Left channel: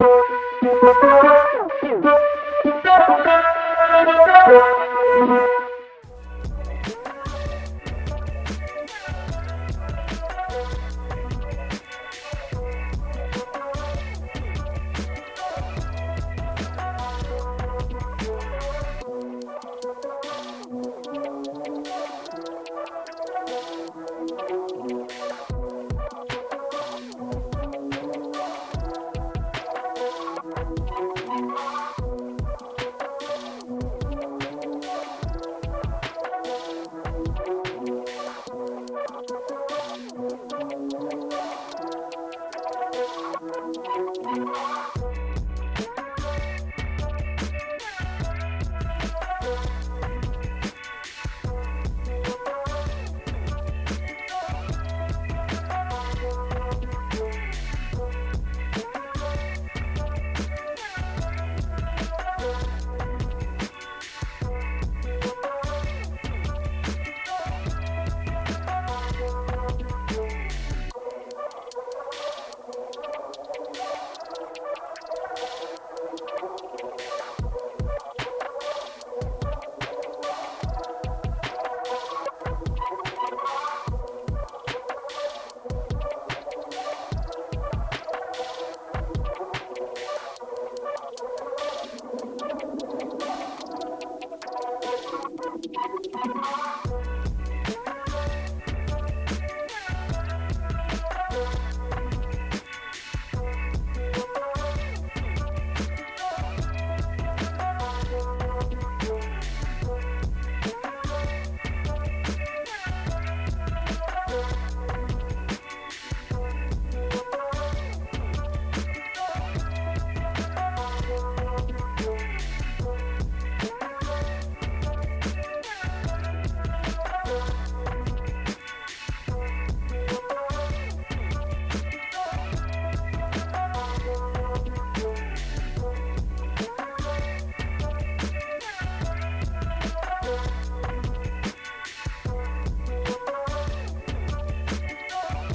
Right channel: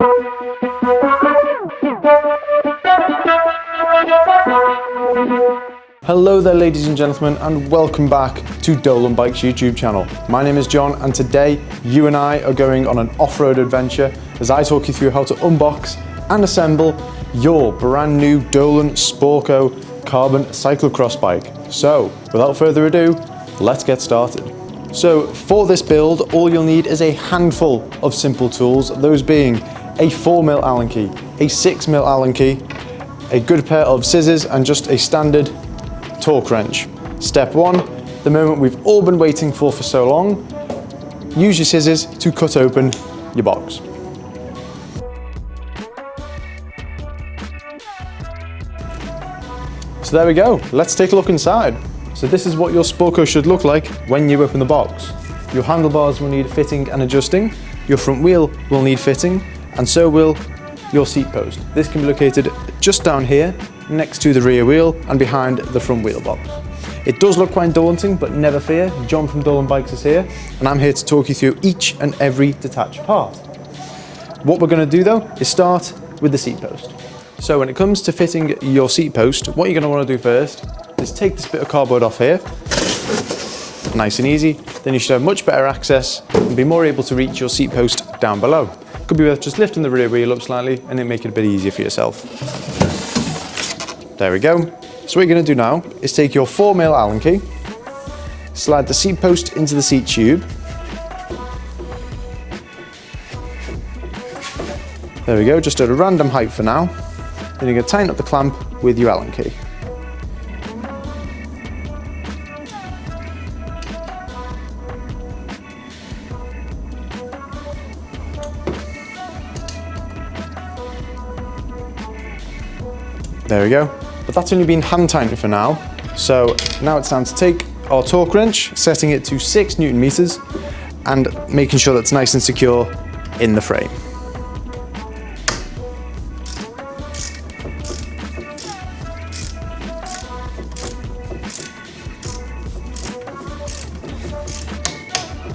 Hello there ladies and gentlemen, and welcome back to Dolan Bike's YouTube channel. My name is John, and today you and I are going on an off-road adventure as I talk you through how to unbox and assemble your brand new Dolan Sporco Carbon CycloCross bike. So without further ado, let's get started. So for this build, all you'll need is a handful of simple tools, those being a 4mm Allen key, a 6mm Allen key, a good pair of scissors, and just a standard torque wrench. Step one, the moment we've all been waiting for so long, use your scissors to cut open your box. So there we go, let's take a look inside. So this is what your Sporco should look like when you open the box. Your handlebars will need fitting and adjusting, your front wheel will need fitting, and so will your seat post. This can be located just down here, next to the rear wheel and behind the front wheel box. It does look quite daunting, but never fear, John from Dolan Bikes is here, and I'm here to talk you through each and every detached part. What we're going to do though is start with the seat post. So when it comes to fitting your seat post, what you're going to want to do first is take this bit of cardboard off here, nice and easy, then you should have much better access and be more able to reach your seat post down below. Could be worth just lifting the rear wheel up slightly and then make it a bit easier for yourself. There we go. So what you're going to do now is take your 4mm Allen key, slide the seat post into the seat tube. There we go, just at a random height for now. Then you're going to tighten up the clamp with your Allen key. There we go, but that's only been hand tightened for now. So now it's time to take our torque wrench, setting it to 6 Newton meters and making sure that's nice and secure in the frame.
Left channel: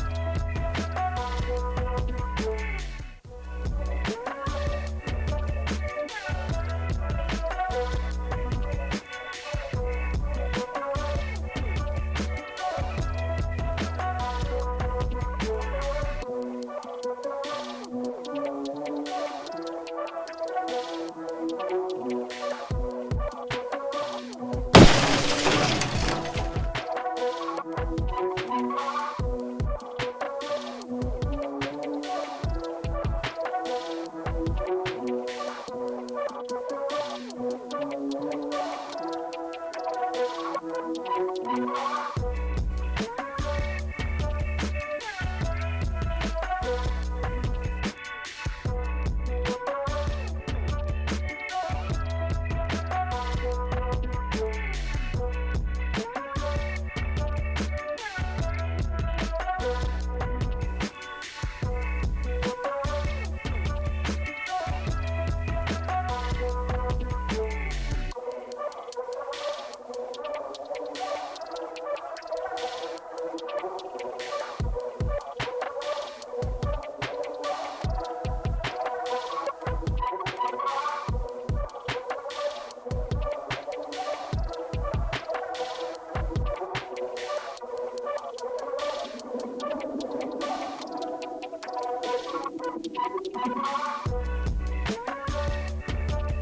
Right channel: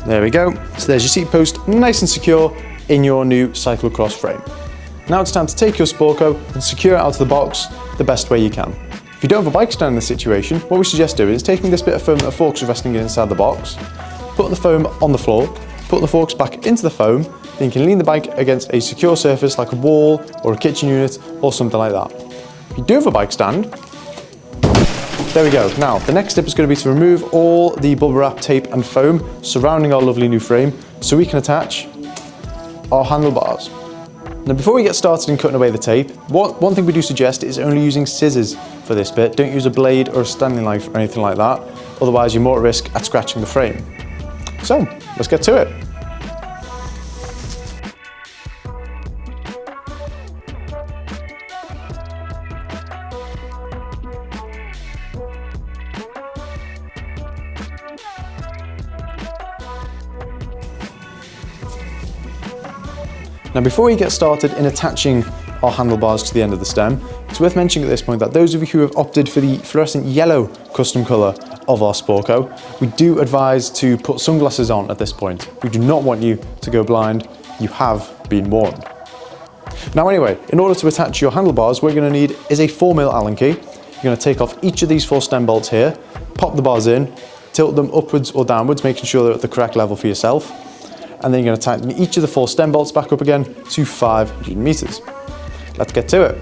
There we go, so there's your seat post nice and secure in your new cyclocross frame. Now it's time to take your Sporco and secure it out of the box the best way you can. If you don't have a bike stand in this situation, what we suggest doing is taking this bit of foam that the forks are resting inside the box, put the foam on the floor, put the forks back into the foam, then you can lean the bike against a secure surface like a wall or a kitchen unit or something like that. If you do have a bike stand, there we go. Now, the next step is going to be to remove all the bubble wrap, tape and foam surrounding our lovely new frame so we can attach our handlebars. Now before we get started in cutting away the tape, one thing we do suggest is only using scissors for this bit. Don't use a blade or a Stanley knife or anything like that, otherwise you're more at risk at scratching the frame. So, let's get to it. Now before we get started in attaching our handlebars to the end of the stem, it's worth mentioning at this point that those of you who have opted for the fluorescent yellow custom colour of our Sporco, we do advise to put sunglasses on at this point. We do not want you to go blind, you have been warned. Now anyway, in order to attach your handlebars, what you're going to need is a 4mm Allen key. You're going to take off each of these 4 stem bolts here, pop the bars in, tilt them upwards or downwards, making sure they're at the correct level for yourself. And then you're going to tighten each of the 4 stem bolts back up again to 5 Newton meters. Let's get to it.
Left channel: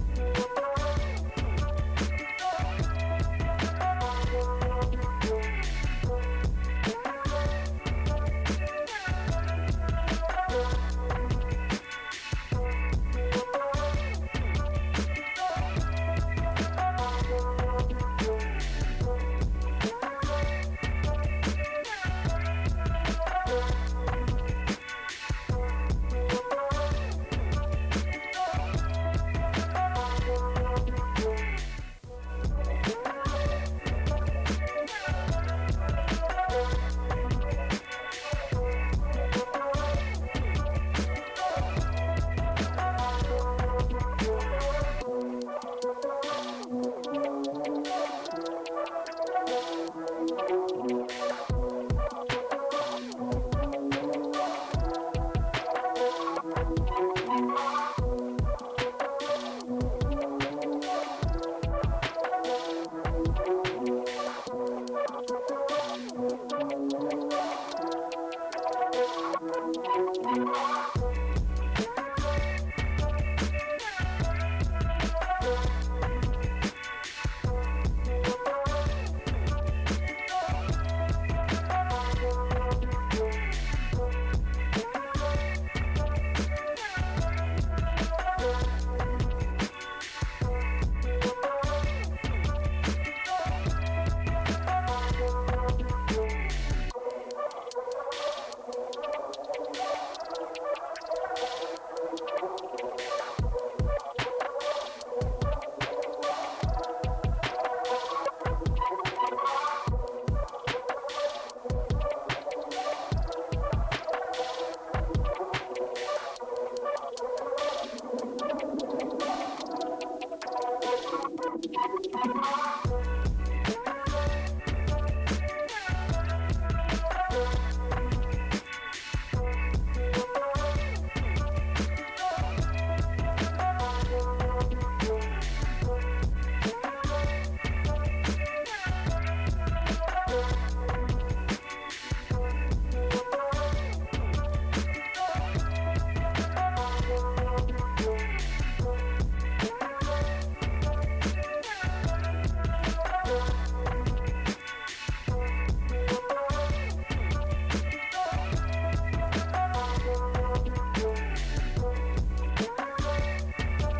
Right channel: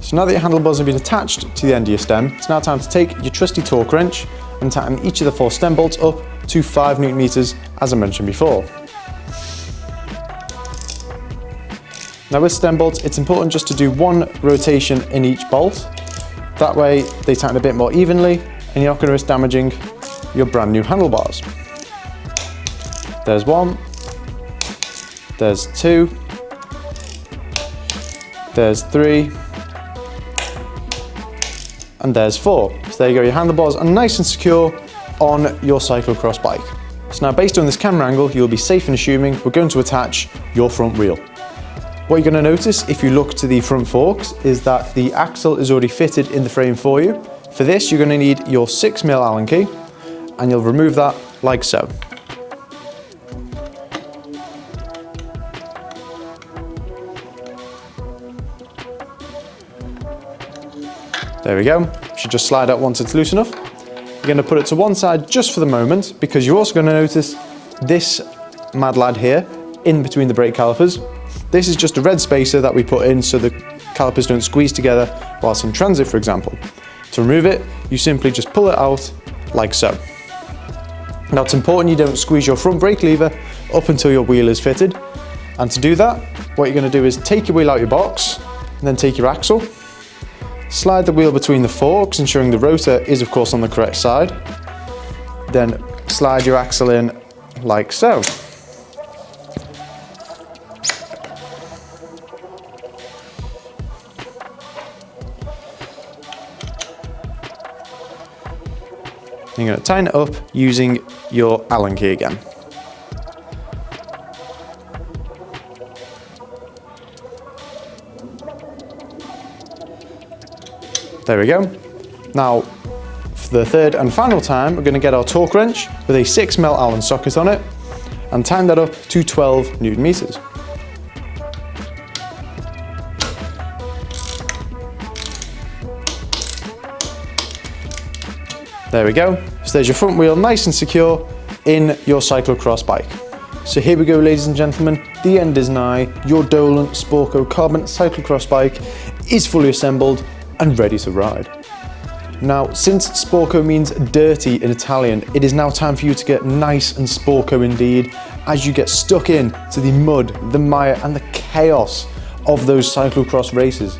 So now that your handlebars have been attached to the end of your stem, it's now time to take your trusty torque wrench and tighten each of the 4 stem bolts up to 5 Newton meters, as I mentioned before. Now with stem bolts, it's important just to do 1 rotation in each bolt. That way they tighten a bit more evenly and you're not going to risk damaging your brand new handlebars. There's 1, there's 2, there's 3, and there's 4. So there you go, your handlebars are nice and secure on your cyclocross bike. So So now based on this camera angle, you'll be safe in assuming we're going to attach your front wheel. What you're going to notice if you look to the front forks is that the axle is already fitted in the frame for you. For this, you're going to need your 6mm Allen key, and you'll remove that like so. There we go. Should just slide out once it's loose enough. You're going to put it to one side just for the moment, because you're also going to notice this mad lad here in between the brake calipers. This is just a red spacer that we put in so the calipers don't squeeze together whilst in transit, for example. To remove it, you simply just pull it out like so. Now it's important you don't squeeze your front brake lever up until your wheel is fitted. And to do that, what you're going to do is take your wheel out your box, and then take your axle, slide the wheel between the forks, ensuring the rotor is of course on the correct side. Then slide your axle in like so. You're going to tighten it up using your Allen key again. There we go. Now, for the third and final time, we're going to get our torque wrench with a 6mm Allen socket on it and tighten that up to 12 Newton meters. There we go. So there's your front wheel nice and secure in your cyclocross bike. So here we go, ladies and gentlemen, the end is nigh. Your Dolan Sporco Carbon CycloCross Bike is fully assembled and ready to ride. Now, since Sporco means dirty in Italian, it is now time for you to get nice and Sporco indeed, as you get stuck in to the mud, the mire and the chaos of those cyclocross races.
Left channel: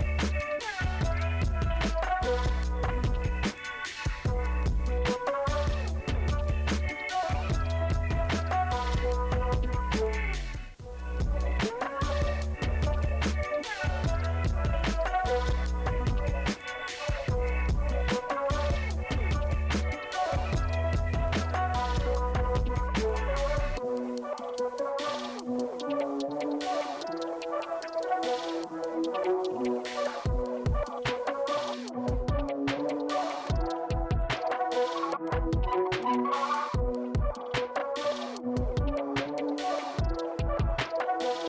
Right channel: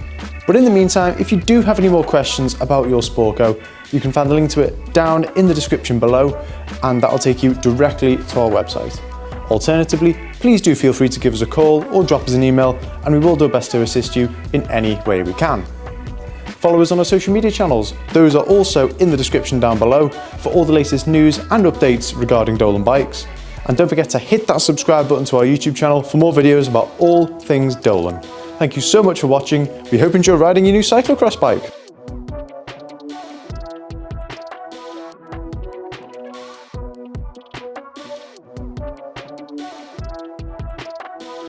But in the meantime, if you do have any more questions about your Sporco, you can find the link to it down in the description below, and that'll take you directly to our website. Alternatively, please do feel free to give us a call or drop us an email, and we will do our best to assist you in any way we can. Follow us on our social media channels. Those are also in the description down below for all the latest news and updates regarding Dolan bikes. And don't forget to hit that subscribe button to our YouTube channel for more videos about all things Dolan. Thank you so much for watching. We hope you enjoy riding your new cyclocross bike.